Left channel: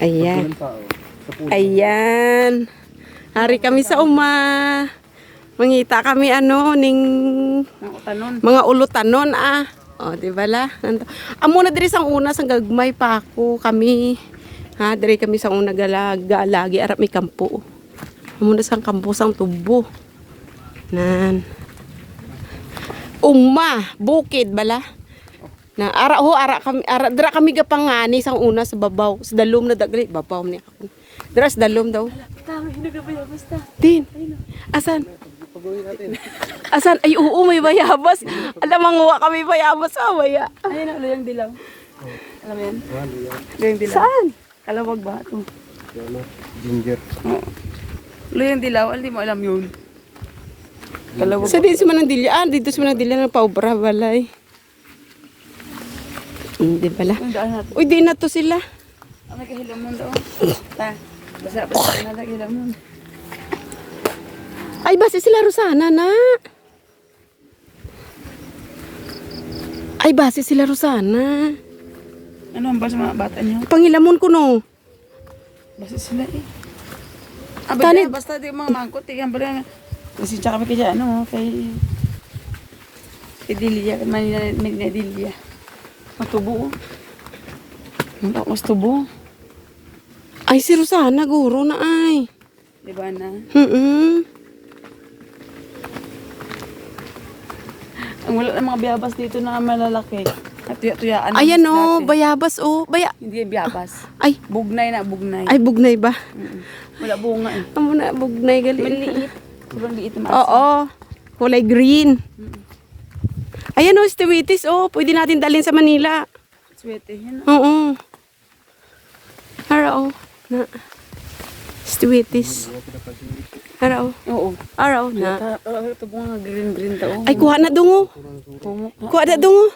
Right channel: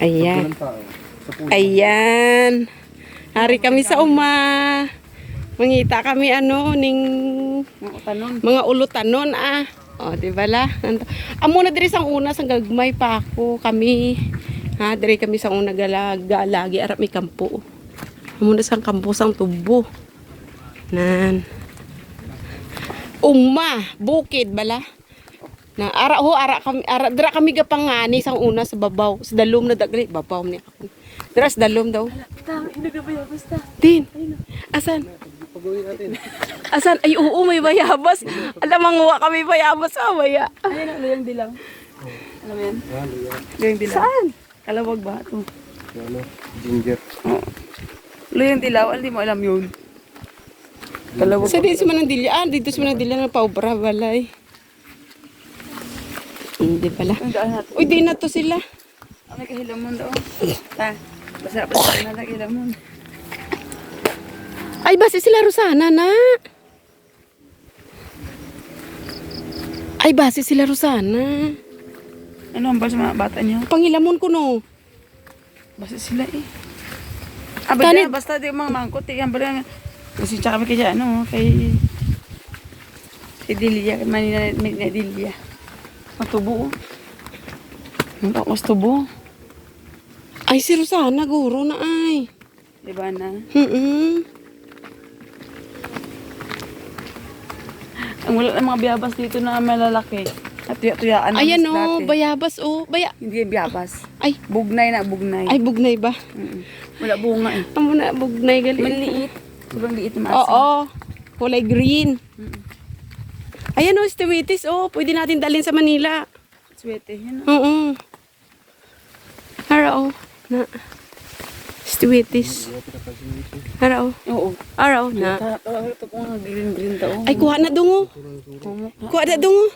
Ayan. Ayan. Hari kami sa uma. Mangita kami ning mga ulutanon O, di ba la? Amo na diri sang una sang gagmay pa ako kami. Ha, diri kami sang una galagi arap mi kampo. Amo na sang kampo sang tubo. Nan. Bukid bala. Na dira kami gapangani sang una sa babaw. Sa dalom na dagli babaw ni ako. Dira sa dalom daw. Din. Asan? Asan? Ay, oo, may bayabas. Alam, manguha kami bayabas sa baya. Ayun, luyang dilaw. Alam mo yan? Luyang dilaw. Saan? Kalawag ba ito? Ginger. Oo. Luyang dilaw, hindi mo alam yun. Kalawag. Sa dito sa Manandilya. Dito sa Manandilya ng paubra, balay. Hindi pala. Ang daan natin. Uy, di na to sila. Ang nagkahilamon daw. Ta, basa na nagkahilamon. Ay, base sila Rosana na. Ay, base sila Rosana. Ano ang basa mga bata niyo? Pangilamon ko no. Basa sila eh. Tanit. Basta di mga mangkot. Yan pala. Kasi tsaka kami kaya kay Delia. Manila Delia. Matubo. Ang takos tubo. Ay, si Rosana, guro na ay. Diba na? Ang wala ng mga biyabas dito na malalaki. At tuya-tuyaan. Ayan o, bayabas o. Hindi yung biyabas. Ay, Bugnay na, bugnay. ay, bugnay ba? Wala bunga eh. Amo na, bugnay gali. Maliit. Sobrang liit na Oo, kulay green. Ayan o, stewitis o. Pwede natin dalhin sa Manila. Sweet eh. Yan. Oo. Hara o. Na. Stewitis. Hara o. Oo. Hara o. Na. Ito po nga green daw. Ay, kuha na dungo. Kuha na dungo.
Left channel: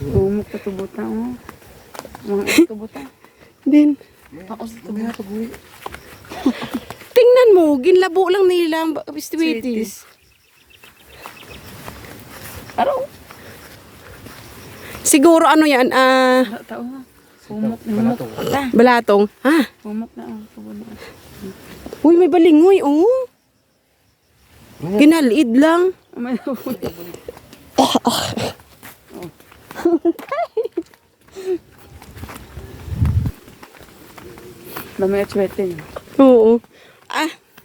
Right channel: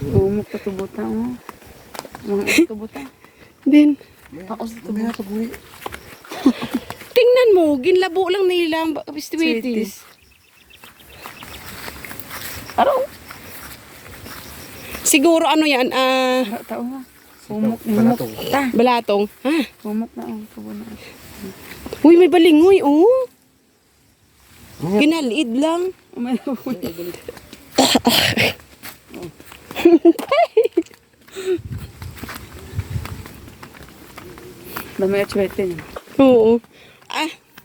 Humok na tubuta oh. Mga tubuta. Din. Ako sa tubuta. Tingnan mo, ginlabo lang nila ang stewitis. Araw. Siguro ano yan, Tao nga. Humok. balatong. Ha? Humok na oh. Tubo na. Uy, may balingoy, oh. Kinaliid lang. May Dami at swerte niya. Oo.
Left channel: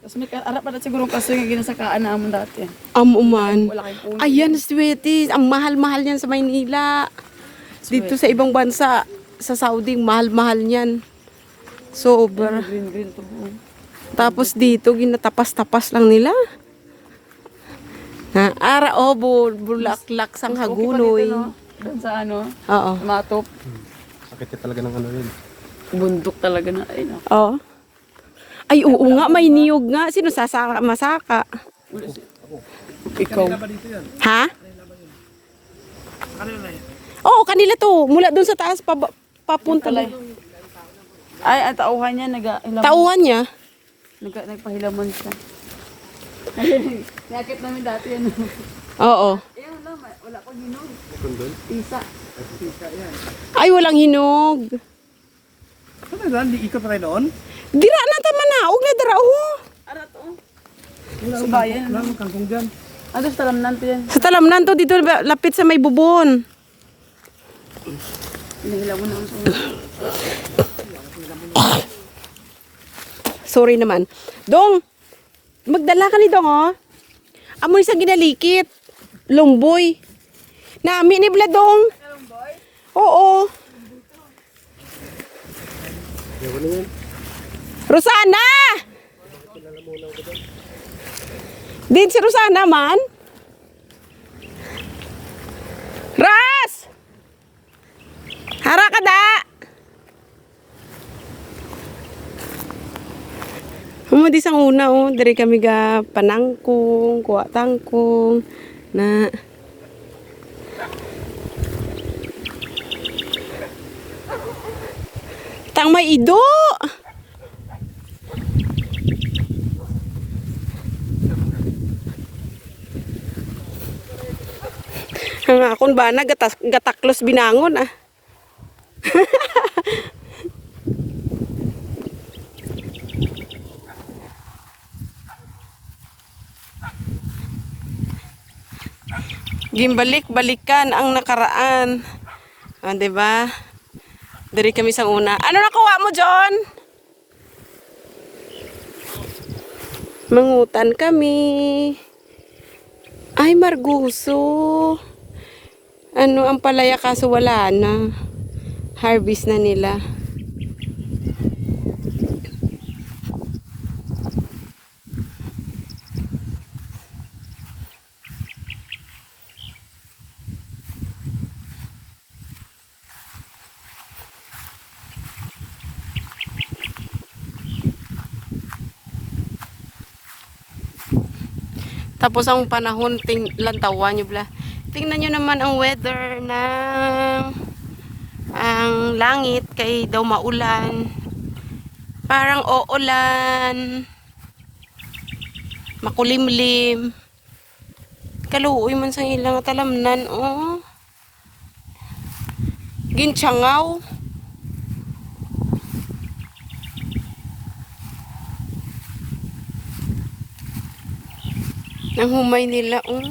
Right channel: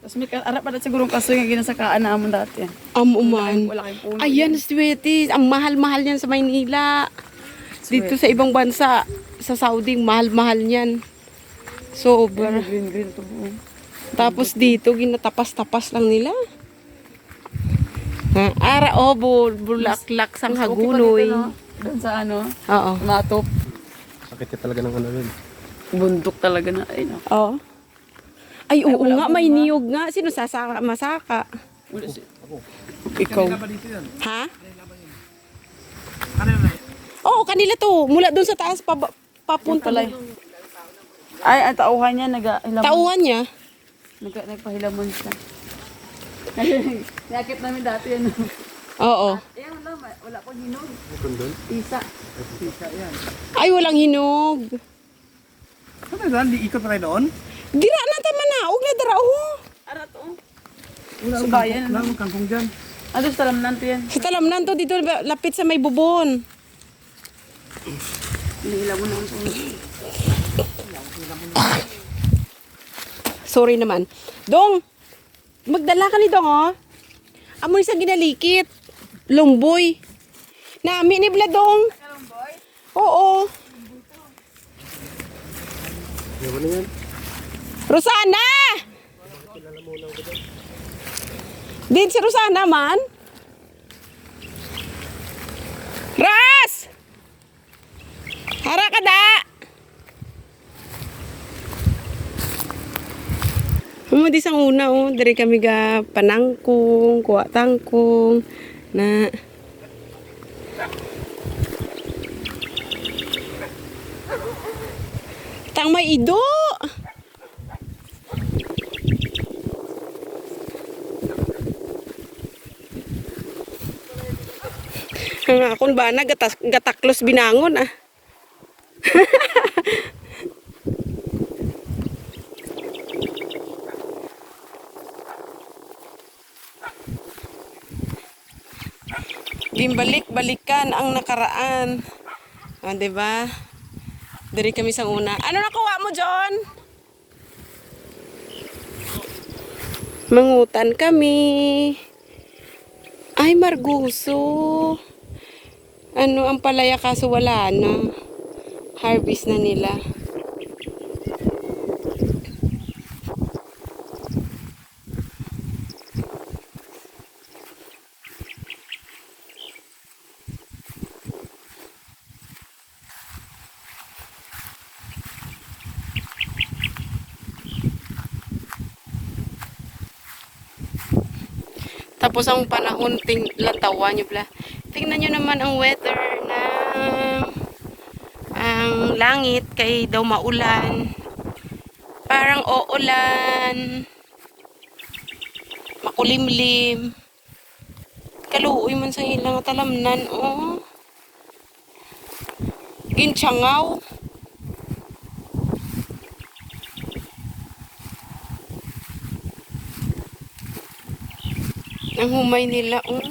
Tapos may arap pa na siguro kaso yung ginasakaan na amon dati. Amuman. Wala kayong puno. Ayan, sweeties. Ang mahal-mahal yan sa Maynila. Dito sa ibang bansa, sa Saudi, mahal-mahal yan. Sobra. Green tubo. Tapos dito, ginatapas-tapas lang nila. Bulaklak sang hagunoy. Doon sa ano, Oo. matop. Sakit ka talaga ng ano rin. Bundok talaga na. Ay, naku. Oo. Ay, oo nga, may niyog nga. Sino masaka? Ikaw. Ha? Oo, kanila to. Mula doon sa taas papunta lang. Ay, ang tauhan niya, nag-hilamon. Tauhan niya. Nagpahilamon siya. Nakakit namin dati yan. Oo. Ayun lang, wala pang hinog. Kundol? Isa. Ay, walang hinog. Ano doon? Di ikot na kayo doon? Dira na tama na. Huwag na dara. Ara to. Wala akong Subayan. wala akong kangkong dyan. Ano sa talamnan to yan? Sa talamnan to dito lapit sa may bubon. Hinihilamon naman po. Sorry naman. Dong, magdala ka ni Dong, oh. Amoy sa ginalikit. Longboy. Nami ni Bladong. Longboy? Oo. Ewan na yan. Rosana! Din si Rosana man. Ras! Hara ka da! Humudi sang una oh, dari kami ga panangkong, kuha tangkong na tang may ido. Ang akon ba na gataklos binangon ah. Gimbalik-balikan ang nakaraan. O, diba? Dari kami sa una. Ano nakuha mo, John? Mangutan kami. Ay, Marguso. Ano ang palaya kaso wala na. Harvest na nila. Tapos ang panahon, lantawan nyo bla. Tingnan nyo naman ang weather na ang langit kay daw maulan. Parang uulan. Makulimlim. Kaluoy man sa ilang talamnan. Oh. Gintiyangaw. Ang humay nila, oh.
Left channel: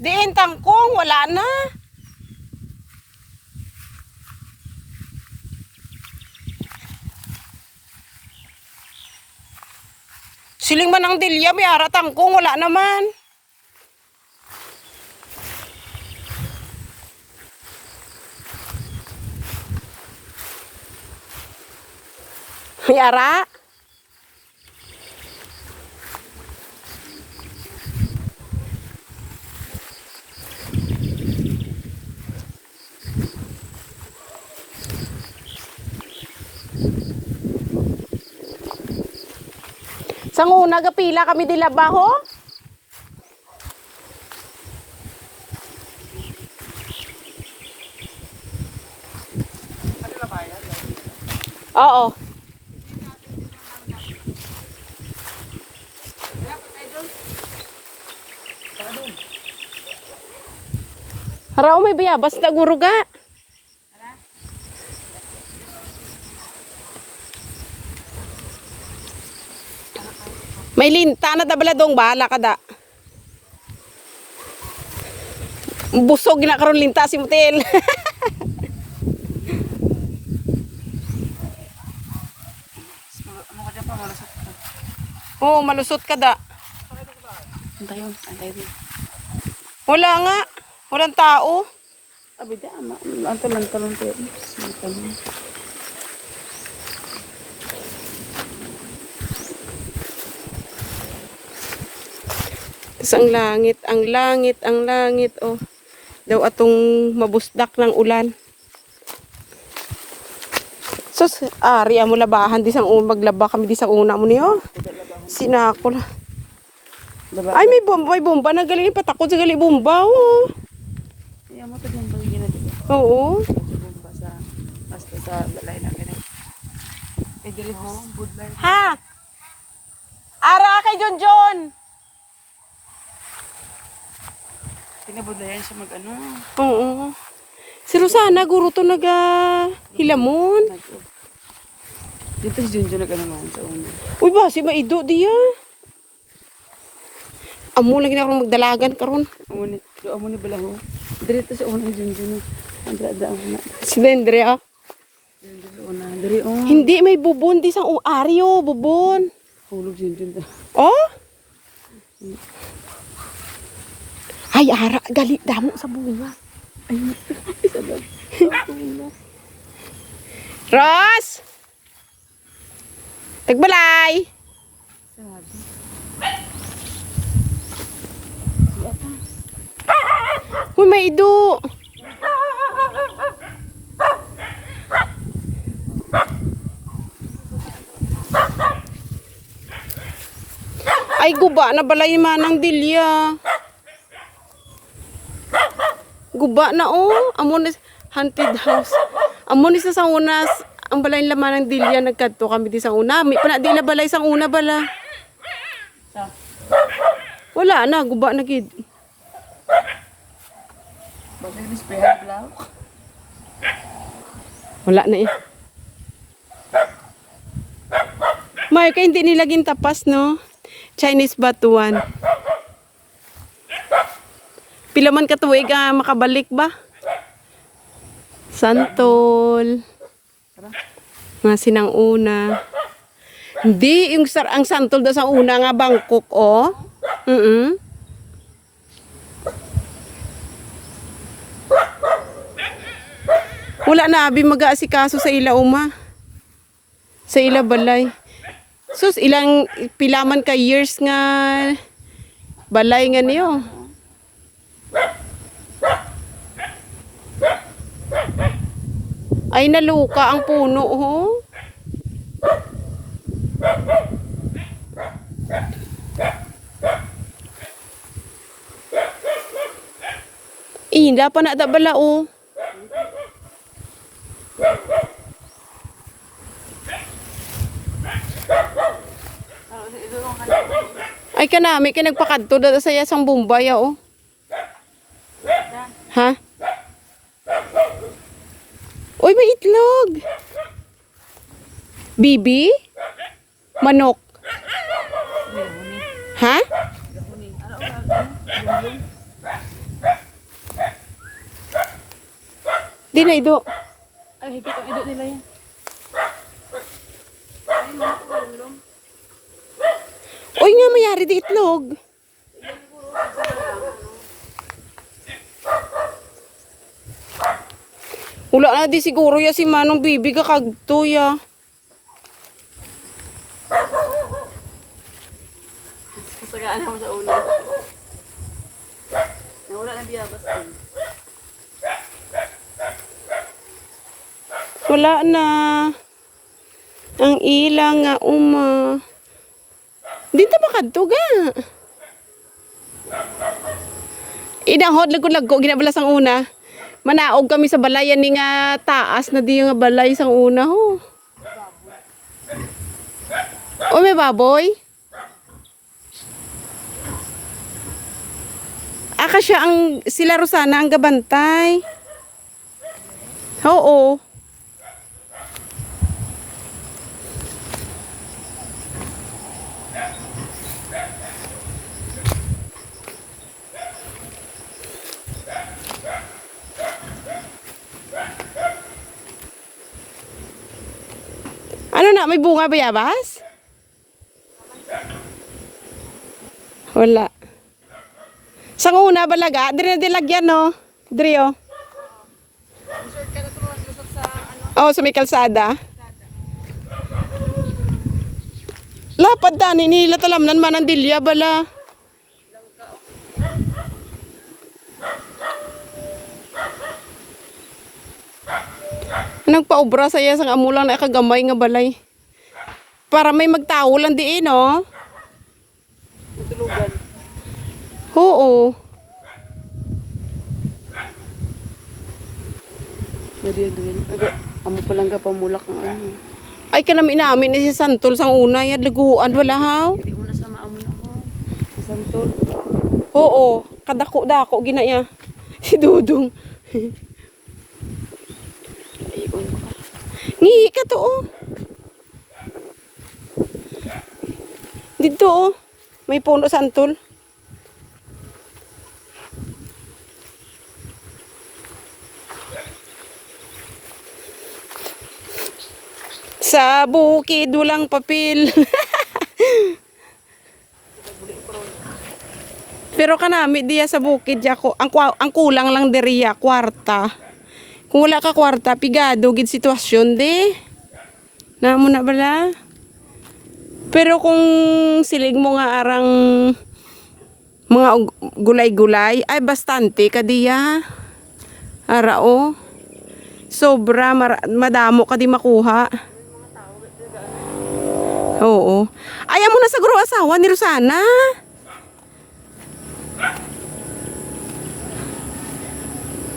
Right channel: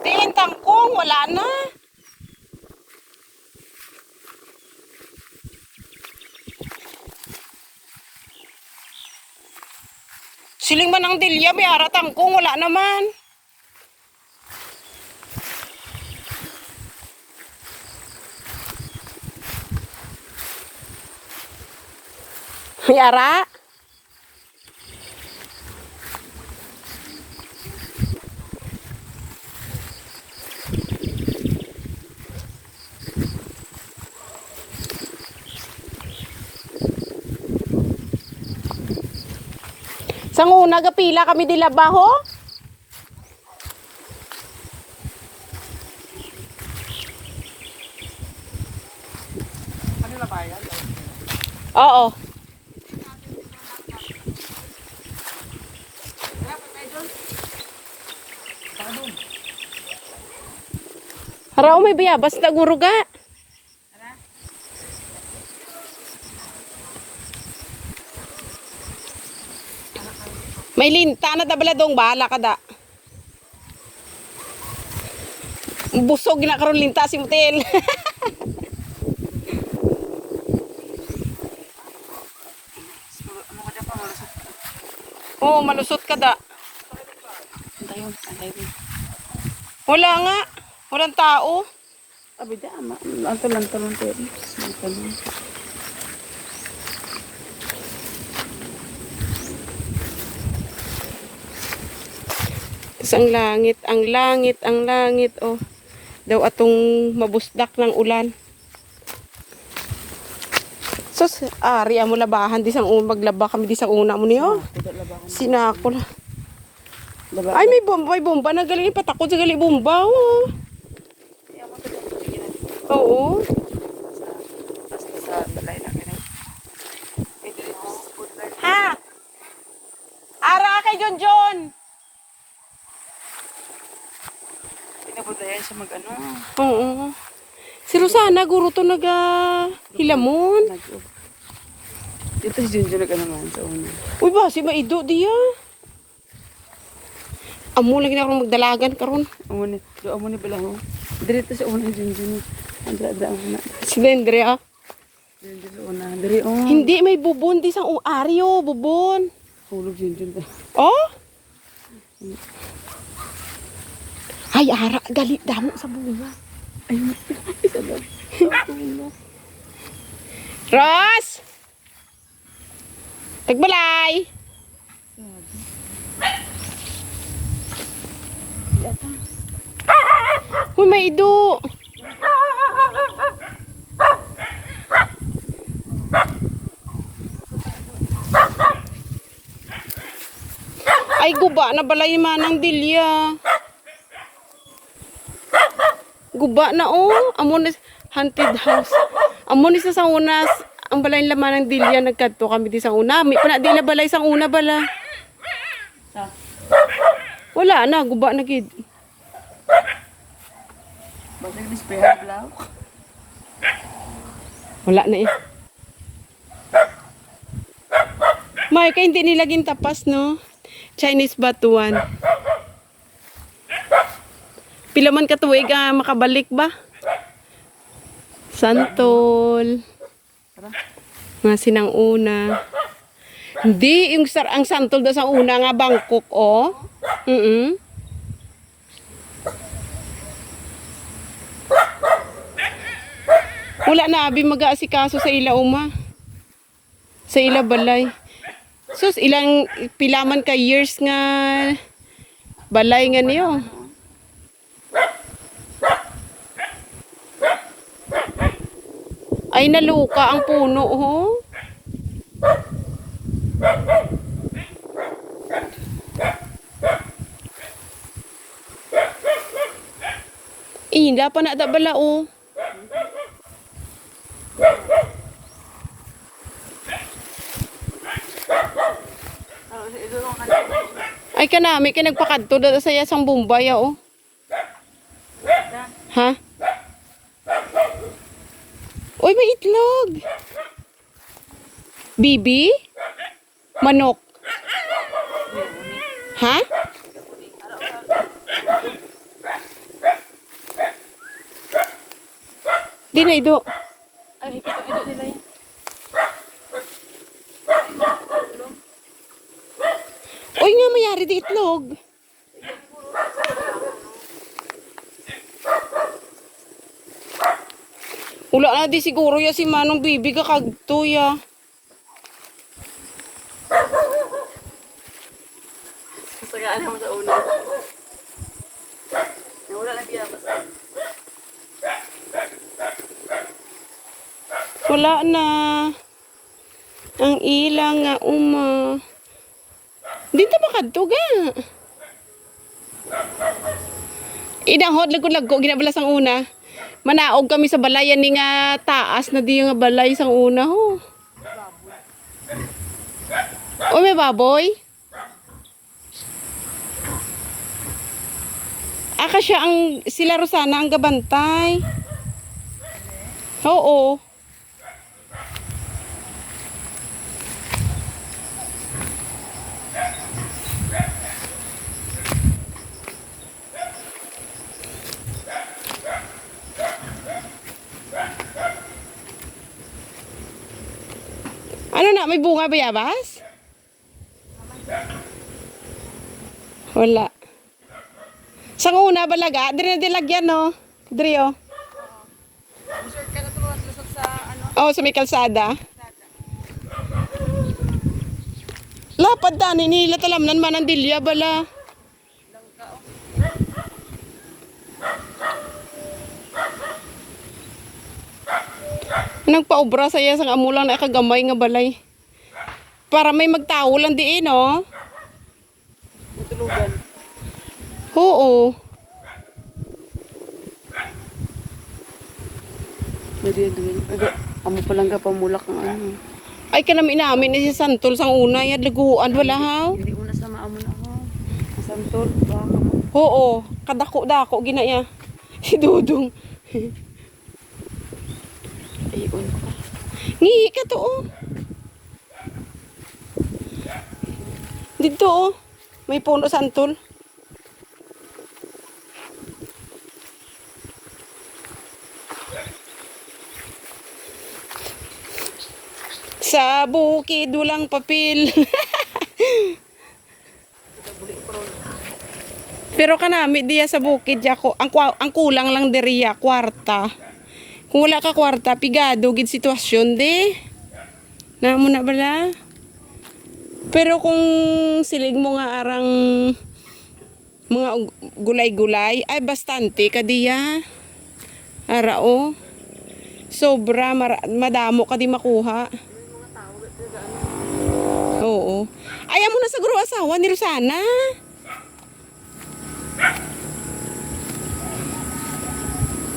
Diin tangkong, wala na. Siling man ang dilya, may ara tangkong, wala naman. May ara? Sang una gapila kami di labaho. Oo. Harao may bayabas na guruga. May linta na dabaladong bahala ka da. Busog na karon linta si Mutil. Oo, malusot ka da. Wala nga. Walang tao. Abi da, talon-talon pero. Tapos ang langit, oh. Daw atong mabusdak ng ulan. Sus, ari mo labahan di sang maglaba kami di sang una mo niyo. Sinako na. Ay, may bomba na galing patakot sa gali bomba, oh. Oo. Basta sa balay na ganun. Eh, dili mo, good life. Ha? Ara kay John. Tinabudlayan siya mag-ano. Oo. Si Rosana, guro to hilamon. Dito si Junjun nag-ano naman sa una. Uy, ba, si Maido diya. Amo lagi na akong magdalagan karon. Amo ni balaho. Dito sa una Junjun. Andra ang na. Si Dendria. Junjun sa una. Diri oh. Hindi, may bubon di sang uaryo, bubon. Hulog Junjun ba? Oh? Ay, ara, galit damo sa bunga. Ay, sabag. Ros! Tagbalay! Uy, may ido! Ay, guba na balay manang dilya. Guba na oh. Amo ni haunted house. Amo ni sa una ang balay laman ng dilya nagkadto kami di sa una. May pa na di na balay sang una bala. Wala na, guba na gid. Bakit di spare lang? Wala na eh. May kay hindi nila gintapas no. Chinese batuan. Pila man katuig makabalik ba? Santol. Nga sinang una. Hindi, yung ang santol da sa una nga Bangkok, oh. Wala na, abi mag-aasikaso sa ila uma. Sa ila balay. Sus, ilang pilaman ka years nga balay nga niyo. Ay, naluka ang puno, ho. Hindi pa na bala, oh. Ay, kanami, nagpakadto dada sa yasang Bombay, oh. Ha? Uy, may itlog. Bibi? Manok? Ha? Di na ido. Ay, higit ang edad nila yun. Uy nga, mayari di itlog. Wala na di siguro ya si Manong Bibi kakagto ya. Sagaan mo sa una. Wala na biya basta. Wala na. Ang ilang nga uma. Dito ba kadto ga? Inanghod lago-lago ginabala sang una. Manaog kami sa balayan ni nga taas na di nga balay sang una ho. O may baboy? Aka siya ang sila Rosana ang gabantay. Oo. Ano na, may bunga bayabas? Wala. Sang una balaga, dire na dilagyan no. Dire oh. Oh, sa may kalsada. Lapad da ni nila talamnan man ang dilya bala. Nagpaobra sa iya sang amulang na kagamay nga balay. Para may magtao lang diin, no? Oo. Bari gawin. Amo pa lang ka pamulak ng ano. Ay kanami namin ni si Santol sang una yan laguan wala haw. Hindi una sa maamon ako. Ang santol. Oo, kadako-dako ginaya. Si Dudong. Ayun. Ngihi ka to oh. Dito oh. May puno Santol. Sa bukid walang papel. Pero kanami diya sa bukid ako, ang kulang lang diriya kwarta. Kung wala ka kwarta, pigado gid sitwasyon de. Namo na bala. Pero kung silig mo nga arang mga gulay-gulay, ay bastante ka diya. Ara o. Sobra madamo ka di makuha. Oo. Ayaw mo na sa guro asawa ni Rosana.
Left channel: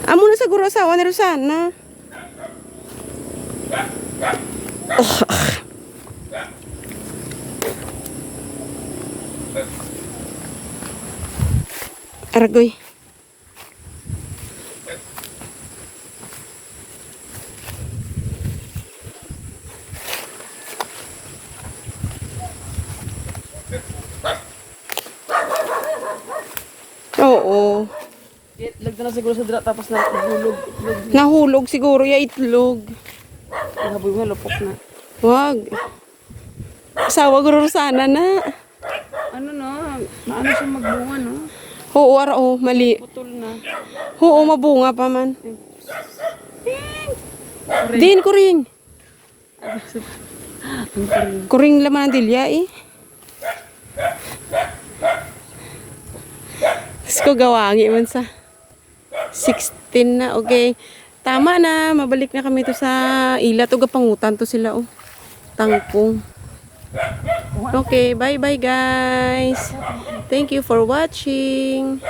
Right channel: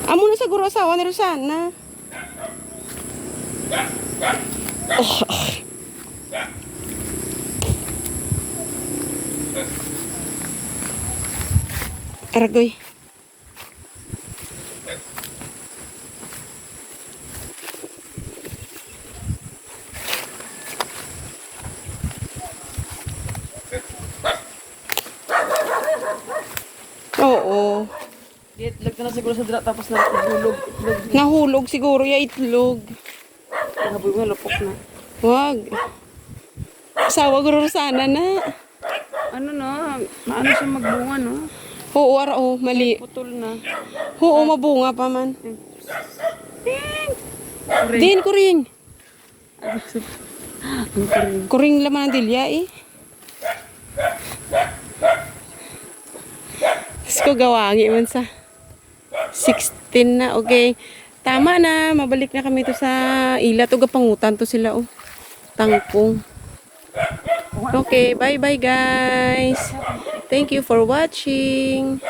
Amo na siguro asawa ni Rosana. Aragoy. Oo. Itlog na siguro sa dila tapos nahulog. Itlog. Nahulog siguro ya itlog. Nahaboy mo, lapok na. Wag. Asawa ko Rosana na. Ano na, maano siya magbunga no? Oo, ara oh, mali. Putol na. Oo, mabunga pa man. Din kuring. Kuring laman ng dilya eh. Tapos ko gawangi man sa 16 na, okay. Tama na, mabalik na kami to sa ila. To gapangutan to sila oh. Tangkong. Okay, bye bye guys. Thank you for watching.